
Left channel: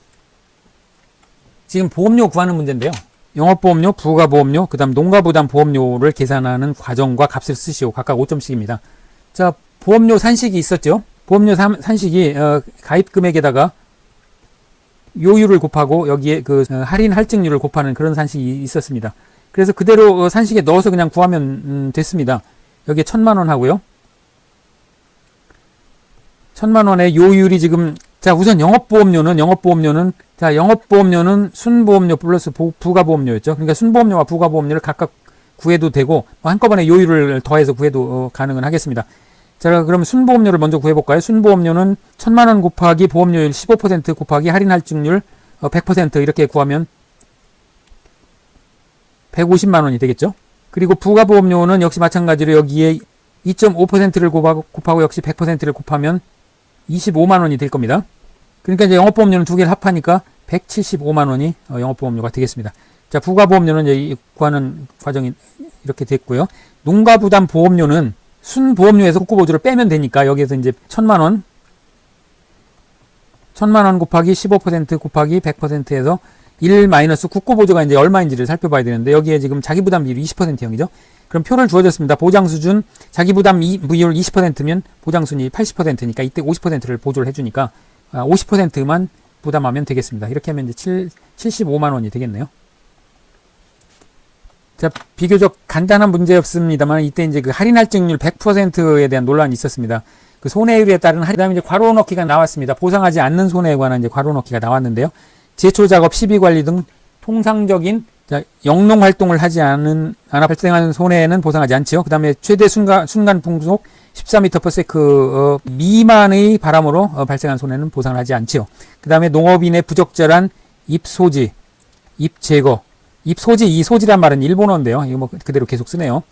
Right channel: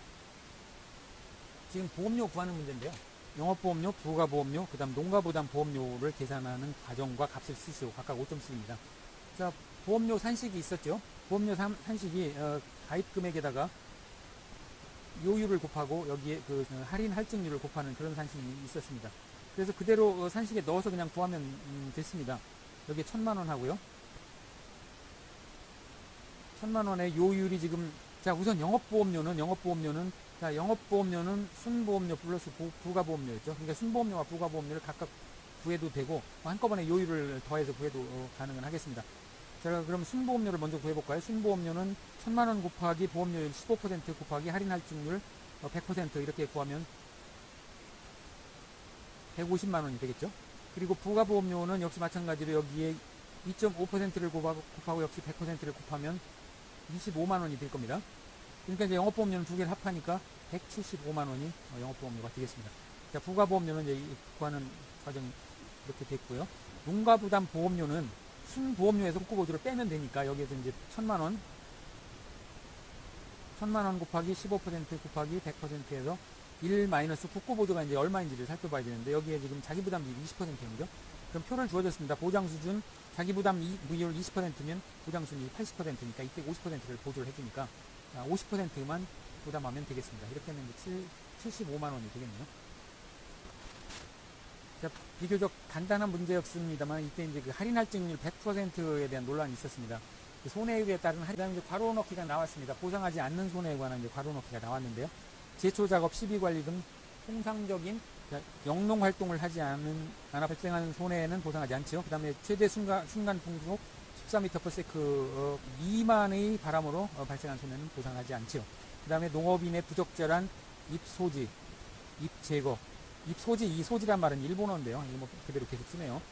지금 보험료 구하는 문제인데요. 영업보험료, 부가보험료, 그 다음 농가부담보험료를 계산하는 과정과 값을 쓰시오. 각각 5점씩입니다. 자, 보험료 산식이 있었죠. 보험료 산식이 가입금액에다가 요율을 곱하고 여기에 할인 할증률을 곱하는 그런 산식이 있었습니다. 그래서 그대로 산식에 넣어서 그냥 구하면 됐습니다. 여기에 1,000만원 하고요. 1,000만원의 요율이 지금, 자, 우선 영업보험료는 순보험료 플러스 부가보험료였죠. 그러니까 순보험료와 부가보험료를 각각 구해도 되고, 한꺼번에 요율을 더해서 구해도 가능은 하겠습니다. 자, 그럼 순보험료를 먼저 구해볼까요? 순보험료는 1,000만원 곱하기 보험료율 15% 곱하기 할인 할증률 100% 이렇게 구하면 150만원이 되겠죠. 그리고 부가보험료는 역시 마찬가지로 여기에 2.5%를 곱하고 역시 100%를 곱하면 25만원이 될 겁니다. 그러니까 이제 영업보험료는 두 개를 합하니까 175만원이 영업보험료가 되겠습니다. 자, 부가보험료는 이제 구하는 과정이 이렇게 됐고요. 농가부담보험료는 순보험료에서 국고보조를 빼면 되니까 여기에서 이제 1,000만원 곱하기 15% 곱하기 100%에서 1 마이너스 국고보조가 이제 얼마인지를 살펴봐야 되는데 여기에 지금 자기부담 비율이 20%형이죠. 그럼 표를 주어졌습니다. 보장수준 자기부담 비율 20%면 보장순위 80%니까 이때 50%를 보조를 해주니까 50%만 부담하면 되겠습니다. 이렇게 하면 이제 75만원이 되겠네요. 자, 비교적 간단한 문제였습니다만 이때 이제 할인 할증률 100%에 대한 논란이 있었습니다. 그 손해율에 따른 그다음에 이제 괄호 넣기가 나왔습니다. 보상하지 않는 손해에 관한 이제 괄호 넣기가 나왔는데요. 제초 작업, 시비 관리 등 통상적인 영농 활동을 하지 않아 발생하는 손해는 보상하지 않지요. 그다음에 최대 순간 풍속 14m/s 미만의 바람으로 발생한 손해는 보상을 하지 않지요. 그다음에 농업인의 부적절한 입소지, 입제거, 입소지, 이 소지란 말은 일본어인데요. 이거 뭐 그대로 계속 쓰네요.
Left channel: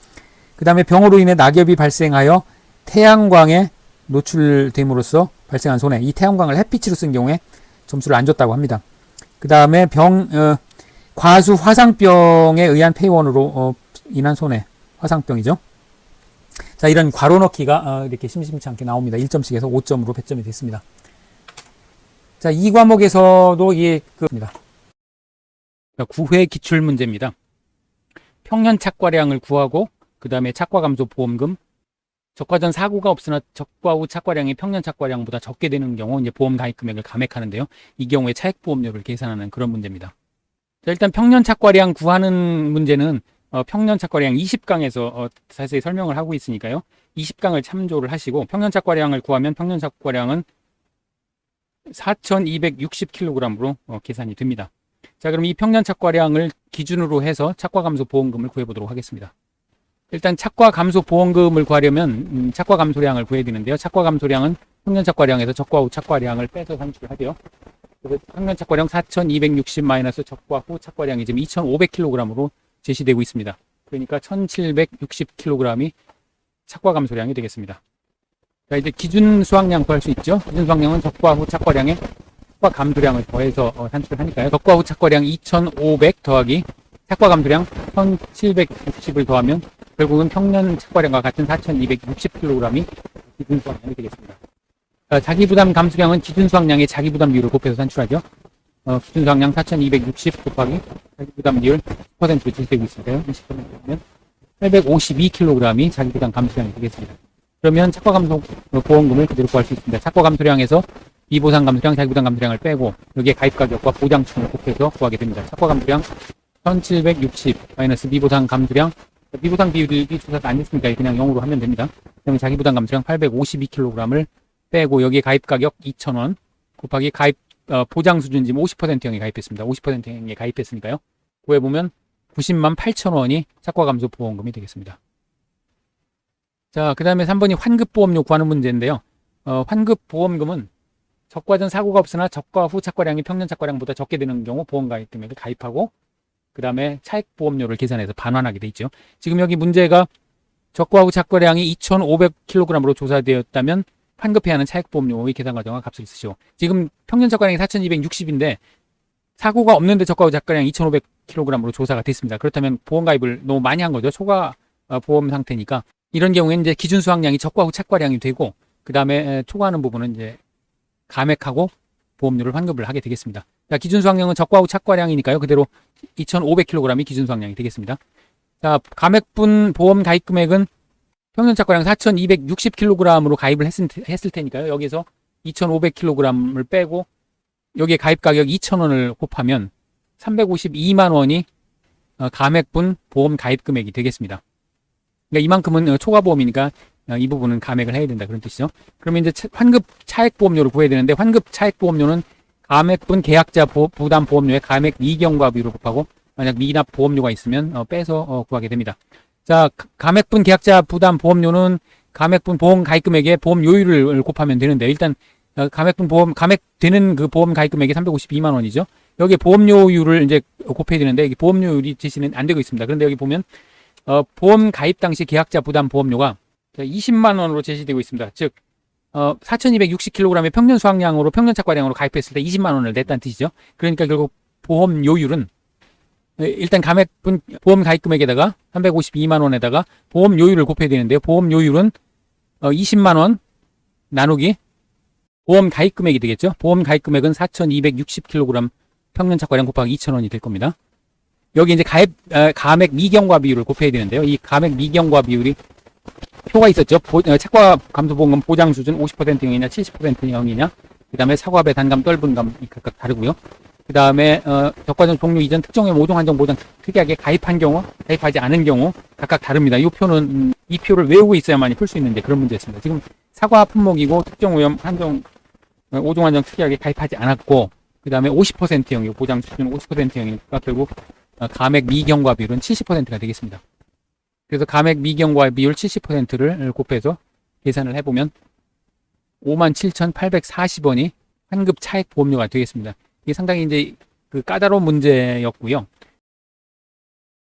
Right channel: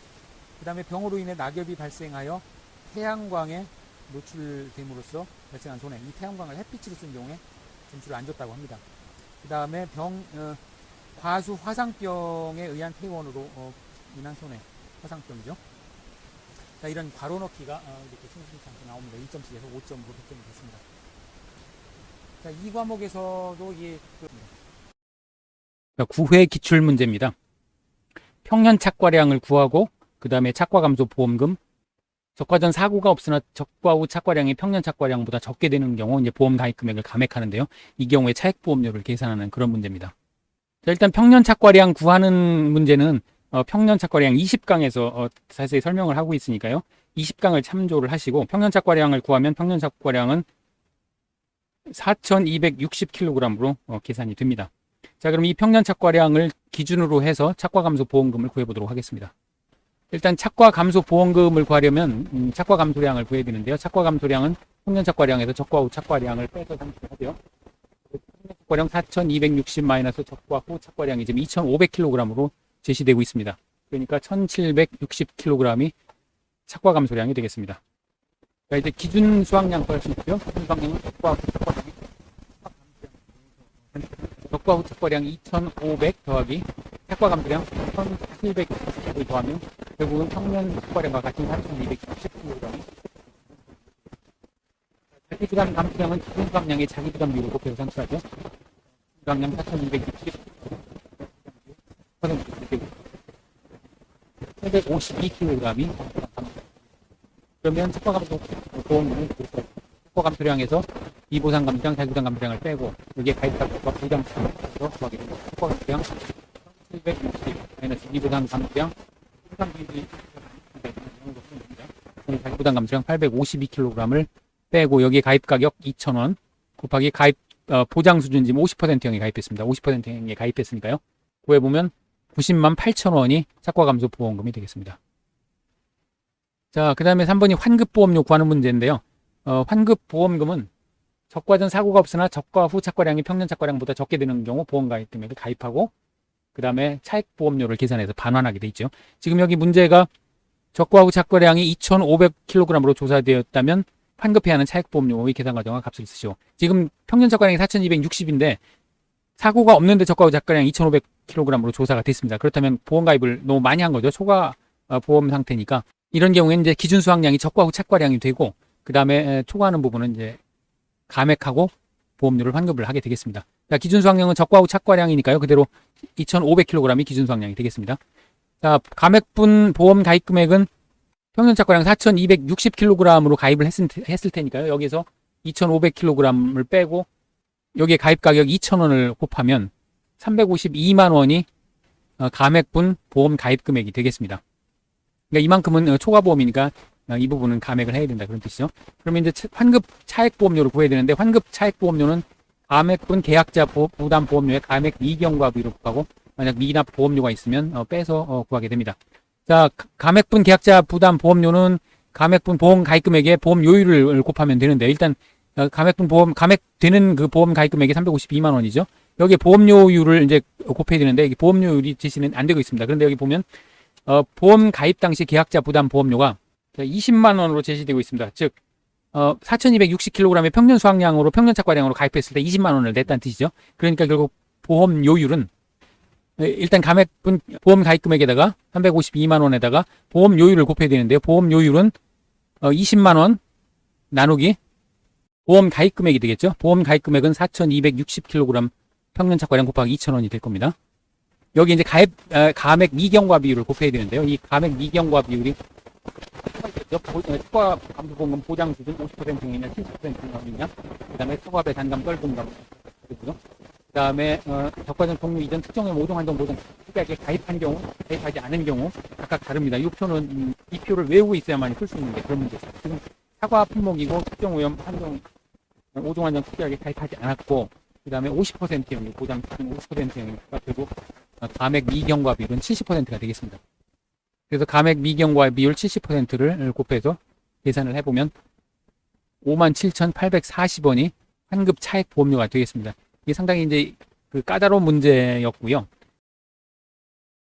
그다음에 병으로 인해 낙엽이 발생하여 태양광에 노출됨으로써 발생한 손해. 이 태양광을 햇빛으로 쓴 경우에 점수를 안 줬다고 합니다. 그다음에 과수 화상병에 의한 폐원으로 인한 손해. 화상병이죠. 자, 이런 괄호 넣기가 이렇게 심심치 않게 나옵니다. 1점씩에서 5점으로 배점이 됐습니다. 자, 이 과목에서도 이게 그입니다. 9회 기출 문제입니다. 평년 착과량을 구하고 그 다음에 착과 감소 보험금, 적과 전 사고가 없으나 적과 후 착과량이 평년 착과량보다 적게 되는 경우 이제 보험 가입 금액을 감액하는데요. 이 경우에 차액 보험료를 계산하는 그런 문제입니다. 자, 일단 평년 착과량 구하는 문제는 평년 착과량 20강에서 자세히 설명을 하고 있으니까요. 20강을 참조를 하시고 평년 착과량을 구하면 평년 착과량은 4,260kg으로 계산이 됩니다. 자, 그럼 이 평년 착과량을 기준으로 해서 착과 감소 보험금을 구해보도록 하겠습니다. 일단 착과 감소 보험금을 구하려면 착과 감소량을 구해야 되는데요. 착과 감소량은 평년 착과량에서 적과 후 착과량을 빼서 산출을 하죠. 그래서 평년 착과량 4,260 마이너스 적과 후 착과량이 지금 2,500kg으로 제시되고 있습니다. 그러니까 1,760kg이 착과 감소량이 되겠습니다. 자, 이제 기준 수확량 구할 수 있죠. 기준 수확량은 적과 후 착과량에 착과 감소량을 더해서 산출을 하니까요. 적과 후 착과량 2,500 더하기 착과 감소량 1,760을 더하면 결국은 평년 착과량과 같은 4,260kg이 기준 수확량이 되겠습니다. 자기부담 감소량은 기준 수확량의 자기부담 비율을 곱해서 산출하죠. 기준 수확량 4,260 곱하기 자기부담 비율 10%로 제시되고 있으니까요. 20%면 852kg이 자기부담 감소량이 되겠습니다. 그러면 착과 감소 보험금을 그대로 구할 수 있습니다. 착과 감소량에서 미보상 감소량, 자기부담 감소량을 빼고 여기에 가입 가격과 보장치를 곱해서 구하게 됩니다. 착과 감소량 1,760 마이너스 미보상 감소량, 미보상 비율이 조사가 안 됐으니까 그냥 0으로 하면 됩니다. 그러면 자기부담 감소량 852kg을 빼고 여기에 가입 가격 2,000원 곱하기 가입 보장 수준 지금 50%형이 가입했습니다. 50%형이 가입했으니까요. 구해보면 90만 8,000원이 착과 감소 보험금이 되겠습니다. 자, 그 다음에 3번이 환급보험료 구하는 문제인데요. 환급보험금은 적과 전 사고가 없으나 적과 후 착과량이 평년 착과량보다 적게 되는 경우 보험 가입 금액을 가입하고 그 다음에 차액 보험료를 계산해서 반환하게 돼 있죠. 지금 여기 문제가 적과 후 착과량이 2,500kg으로 조사되었다면 환급해야 하는 차액 보험료의 계산 과정과 값을 쓰시오. 지금 평년 착과량이 4,260인데 사고가 없는데 적과 후 착과량이 2,500kg으로 조사가 됐습니다. 그렇다면 보험 가입을 너무 많이 한 거죠. 초과 보험 상태니까. 이런 경우에는 이제 기준 수확량이 적과 후 착과량이 되고 그 다음에 초과하는 부분은 이제 감액하고 보험료를 환급을 하게 되겠습니다. 자, 기준 수확량은 적과 후 착과량이니까요. 그대로 2,500kg이 기준 수확량이 되겠습니다. 자, 감액분 보험 가입 금액은 평년 착과량 4,260kg으로 가입을 했을 테니까요. 여기서 2,500kg을 빼고 여기에 가입 가격 2,000원을 곱하면 352만 원이 감액분 보험 가입 금액이 되겠습니다. 그러니까 이만큼은 초과보험이니까 이 부분은 감액을 해야 된다 그런 뜻이죠. 그러면 이제 환급 차액 보험료를 구해야 되는데 환급 차액 보험료는 감액분 계약자 부담 보험료의 감액 미경과 비율을 곱하고 만약 미납 보험료가 있으면 빼서 구하게 됩니다. 자, 감액분 계약자 부담 보험료는 감액분 보험 가입 금액에 보험 요율을 곱하면 되는데 일단 감액되는 그 보험 가입 금액이 352만 원이죠. 여기에 보험료율을 이제 곱해야 되는데 이게 보험료율이 제시는 안 되고 있습니다. 그런데 여기 보면 보험 가입 당시 계약자 부담 보험료가 20만 원으로 제시되고 있습니다. 즉 4,260kg의 평년 수확량으로 평년 착과량으로 가입했을 때 20만 원을 냈다는 뜻이죠. 그러니까 결국 보험 요율은 일단 감액분 보험 가입 금액에다가 352만 원에다가 보험 요율을 곱해야 되는데요. 보험 요율은 20만 원 나누기 보험 가입 금액이 되겠죠. 보험 가입 금액은 4,260kg 평년 착과량 곱하기 2,000원이 될 겁니다. 여기 이제 감액 미경과 비율을 곱해야 되는데요. 이 감액 미경과 비율이 표가 있었죠. 착과 감소보험금 보장 수준 50%형이냐 70%형이냐 그 다음에 사과배 단감 떫은감이 각각 다르고요. 그 다음에 적과전 종류 이전 특정의 모종 한정 보장 특이하게 가입한 경우 가입하지 않은 경우 각각 다릅니다. 이 표는 이 표를 외우고 있어야만이 풀 수 있는데 그런 문제였습니다. 지금 사과 품목이고 특정 오염 한정 5종 한정 특약에 가입하지 않았고, 그 다음에 50%형, 보장 수준 50%형이니까 결국 감액 미경과 비율은 70%가 되겠습니다. 그래서 감액 미경과 비율 70%를 곱해서 계산을 해보면 57,840원이 환급 차액 보험료가 되겠습니다. 이게 상당히 이제 그 까다로운 문제였고요.